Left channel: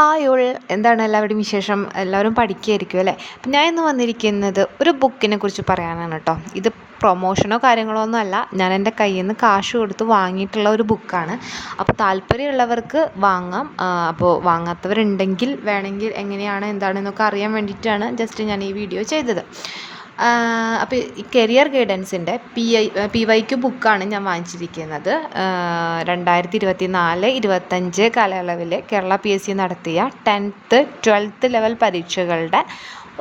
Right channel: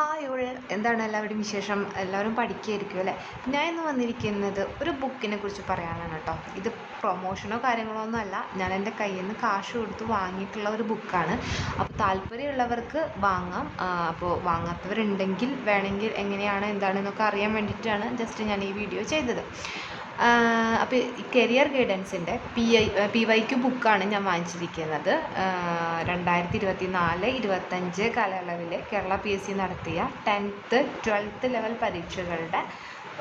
Hi all, എന്താണ് എല്ലാവരുടെയും വിശേഷം? എല്ലാവരും പഠിക്കുകയായിരിക്കും അല്ലേ? അപ്പം ഞാൻ ഇന്ന് വന്നിരിക്കുന്നത് ഒരു ബുക്കിനെ കുറിച്ച് പറയാനാണ് കേട്ടോ. ഇത് പ്രൊമോഷനോ കാര്യങ്ങളോ ഒന്നും അല്ല, ഞാൻ എൻ്റെ കയ്യിൽ നിന്ന് കാശ് കൊടുത്ത് വാങ്ങിയിട്ടുള്ള ഒരു ബുക്കാണ്. അപ്പോൾ താല്പര്യമുള്ളവർക്ക് വാങ്ങാം. അപ്പോൾ വാങ്ങാത്തവരുണ്ടെങ്കിൽ വേണമെങ്കിൽ എങ്ങനെയാണ് എന്താണെന്നൊക്കെ അറിയാൻ വേണ്ടിയിട്ടാണ് ജസ്റ്റ് ഞാൻ ഈ വീഡിയോ ചെയ്തത്. അപ്പോൾ ഈ കരിയർ ഗൈഡൻസിൻ്റെ PYQ ബുക്കാണ് ഞാൻ വാങ്ങിച്ചിരിക്കുന്നത്. 2024-25 കാലയളവിൽ കേരള PSC നടത്തിയ 10th 12th ലെവൽ പരീക്ഷകളുടെ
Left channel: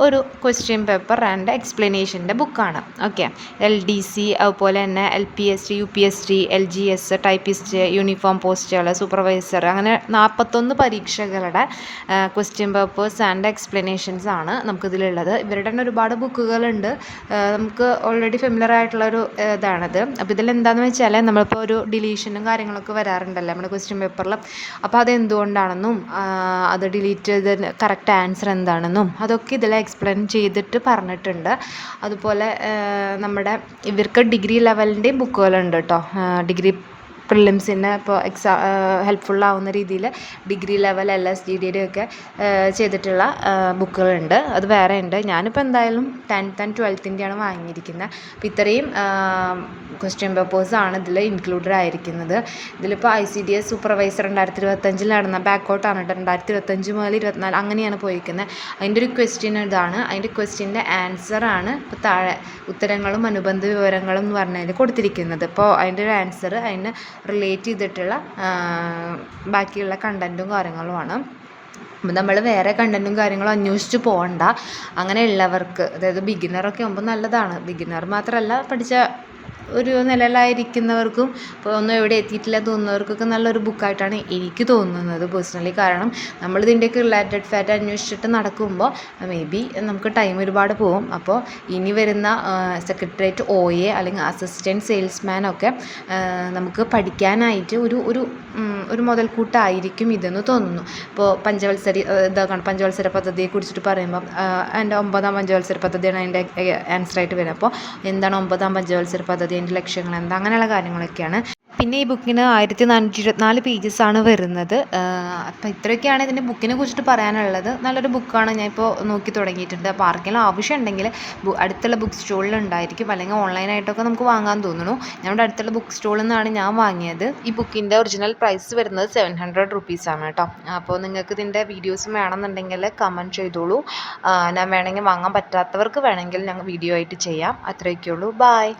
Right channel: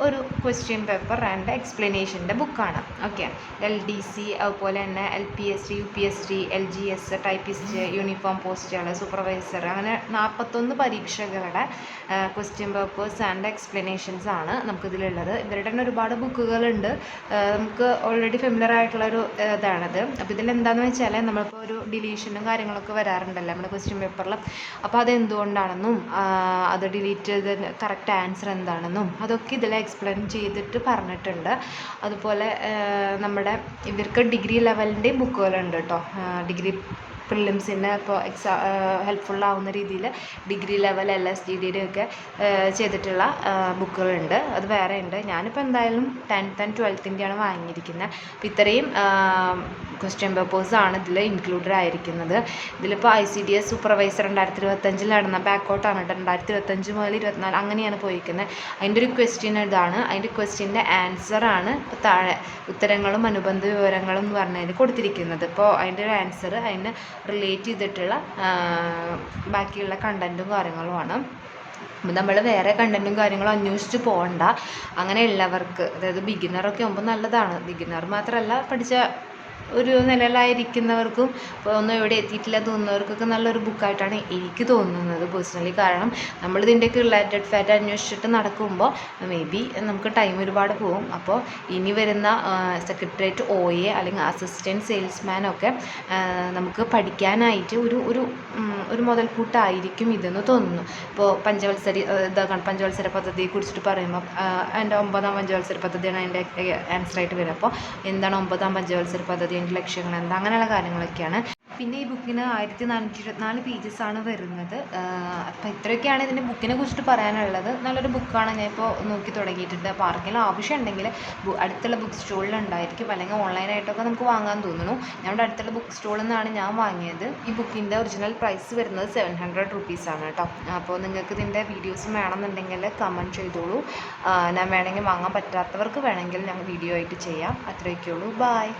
ഒരു ക്വസ്റ്റ്യൻ പേപ്പർ ആൻഡ് എക്സ്പ്ലനേഷൻ്റെ ബുക്കാണ്. ഓക്കെ, LDC, അതുപോലെ തന്നെ LPST, UPST, LGS, typist, uniform പോസ്റ്റുകൾ, സൂപ്പർവൈസർ, അങ്ങനെ 41 പരീക്ഷകളുടെ ക്വസ്റ്റ്യൻ പേപ്പേഴ്സ് ആൻഡ് എക്സ്പ്ലനേഷൻസ് ആണ് നമുക്കിതിലുള്ളത്. ഇവരുടെ തന്നെ ഒരുപാട് ബുക്കുകളുണ്ട്. നമുക്ക് ഓൾറെഡി ഫെമിലർ ആയിട്ടുള്ളൊരു ഇതാണത്. അപ്പോൾ ഇതിലെന്താണെന്ന് വെച്ചാൽ നമ്മളിപ്പോൾ ഒരു ഡിലീഷനും കാര്യങ്ങളൊക്കെ വരാറുണ്ടല്ലോ നമ്മുടെ ക്വസ്റ്റ്യൻ പേപ്പറിൽ. അപ്പോൾ അതെന്തുകൊണ്ടാണെന്നും അത് ഡിലീറ്റ് ചെയ്ത് കറക്റ്റ് ആൻസർ എന്താണെന്നും അതൊക്കെ ഇതിൽ എക്സ്പ്ലെയിൻ ചെയ്തിട്ട് പറഞ്ഞിട്ടുണ്ട്. അതുപോലെ നമ്മുടെ ഇവർക്ക് ഡിഗ്രി ലെവലിൻ്റെയും ബുക്കുകളുണ്ട് കേട്ടോ. ഡിഗ്രി പ്രിലിംസിന് ഇപ്പോൾ ഹെൽപ്ഫുള്ളാവുന്ന രീതിയിൽ ഡിഗ്രി ലെവൽ LSGDയുടെ ഒക്കെ ചെയ്തിട്ടുള്ള ബുക്കുകളുണ്ട്. അത് വേറെ ഉണ്ട്. ഞാനിപ്പോൾ എന്തായാലും 10th and 12th വാങ്ങിയിരിക്കുന്നത്. അപ്പോൾ ഇത്രയും ക്വസ്റ്റ്യൻ പേപ്പേഴ്സാണ് ഇതിൽ ഇൻക്ലൂഡഡ് ആയിരിക്കുന്നത്. ഇതിലിപ്പോൾ ICDS സൂപ്പർവൈസർ 2025 നടന്ന ബാക്കോട്ടാണ് കേട്ടോ. 2025 മുതൽ 24 അങ്ങനെയാണ് പോയിരിക്കുന്നത്. അതിൻ്റെ ഒരു ക്വസ്റ്റ്യൻ ഇതാണ്. അതിൻ്റെ ക്വസ്റ്റ്യൻ്റെ ആൻസറാണ് ഇപ്പോൾ താഴെ ഉത്തരങ്ങളും അനുബന്ധ വിവരങ്ങളും എന്ന് പറഞ്ഞതിൽ കൊടുത്തിരിക്കുന്നത്. ഇപ്പോൾ അതിൻ്റെ ഒരു ആൻസർ അതിന് റിലേറ്റ് ചെയ്തിട്ടുള്ള ബാക്കിയുള്ള കണ്ടൻറ്റും കാര്യങ്ങളുമാണ്. അപ്പോൾ നമ്മൾ വേറെ കണ്ടൻറ്റും കാര്യങ്ങളും അന്വേഷിച്ച് പോകണ്ട. അങ്ങനെയുള്ളവർക്ക്, അതായത് ബിഗിനറൊക്കെ ആകുമ്പോൾ നല്ലതാണ്. ബിഗിനർ മാത്രമല്ല, പഠിച്ച ഒരു നിലയിലായിരിക്കുന്നവർക്കും ഇപ്പോൾ ഒന്നും എവിടെ എത്തിയിട്ടില്ല തോന്നുന്നവർക്കൊക്കെ നല്ലൊരു ബുക്കായിട്ടാണ് എനിക്ക് തോന്നുന്നത് പേഴ്സണലി. കാരണം നമ്മളിതിൻ്റെയൊക്കെ റിലേറ്റഡ് ഫാറ്റ് അന്വേഷിച്ചിട്ട് നടക്കുമ്പോൾ മേ ബി നമുക്ക് ടൈം ഒരുപാട് പോകും. അപ്പോൾ ഇനി വരുന്ന സെക്രട്ടേറിയറ്റ് OA അല്ലെങ്കിൽ അസിസ്റ്റൻറ്റ് സെയിൽസ്മാനൊക്കെ നമുക്ക് പഠിക്കാനായിട്ട് ഒരു മുതൽക്കൂട്ടായിരിക്കും ഇതെന്ന് തോന്നുന്നു. ഇപ്പോൾ പഞ്ചവത്സര പദ്ധതിയെക്കുറിച്ചിട്ട് പറയുമ്പോൾ അതിൻ്റെ 9ാം പഞ്ചവത്സര പദ്ധതിയാണ് അതിൻ്റെ ആൻസറായിട്ട് വരുന്നത്. അപ്പോൾ എന്താണ് 9ാം പഞ്ചവത്സര പദ്ധതി, അതിൻ്റെ ലക്ഷ്യങ്ങൾ എന്താ, അങ്ങനെയുള്ള കാര്യങ്ങളൊക്കെയാണ്. പിന്നെ ഈ ബുക്കിന് 1424 പേജസാണ് വരുന്നത്. അപ്പോൾ ഇത്രയൊക്കെയാണ് ഇതിൻ്റെ ബുക്കിനെ കുറിച്ചിട്ട് പറയാനുള്ളത്. നല്ലൊരു ബുക്കാണ്. ഞാനിപ്പോൾ നോക്കി തുടങ്ങിയിട്ടുണ്ട്. അപ്പോൾ ആർക്കെങ്കിലും ആവശ്യമുണ്ടെങ്കിൽ അടുത്തുള്ള ബുക്ക് സ്റ്റോളിൽ ഉണ്ടായിരിക്കും, അല്ലെങ്കിൽ ഓൺലൈനായിട്ടൊക്കെ നമുക്ക് വാങ്ങാൻ തോന്നുന്നു. നമ്മുടെ അടുത്തുള്ള ബുക്ക് സ്റ്റോളിൽ നിന്നാണ് ഞാൻ വാങ്ങിയത്. ഈ ബുക്കിൻ്റെ ഒറിജിനൽ പ്രൈസ് വരുന്നത് 700 റുപ്പീസാണ് കേട്ടോ. അപ്പോൾ നിങ്ങൾക്ക് ഇതിൻ്റെ വീഡിയോസ് വേണമെന്നുണ്ടെങ്കിൽ കമൻറ്റ് ചെയ്തോളൂ. ഞാൻ വേണമെങ്കിൽ വാങ്ങാൻ പറ്റാത്തവർക്ക് വേണമെങ്കിൽ ഞങ്ങൾ വീഡിയോ ആയിട്ട് ചെയ്യാം. അത്രയൊക്കെ ഉള്ളൂ. ബായ്.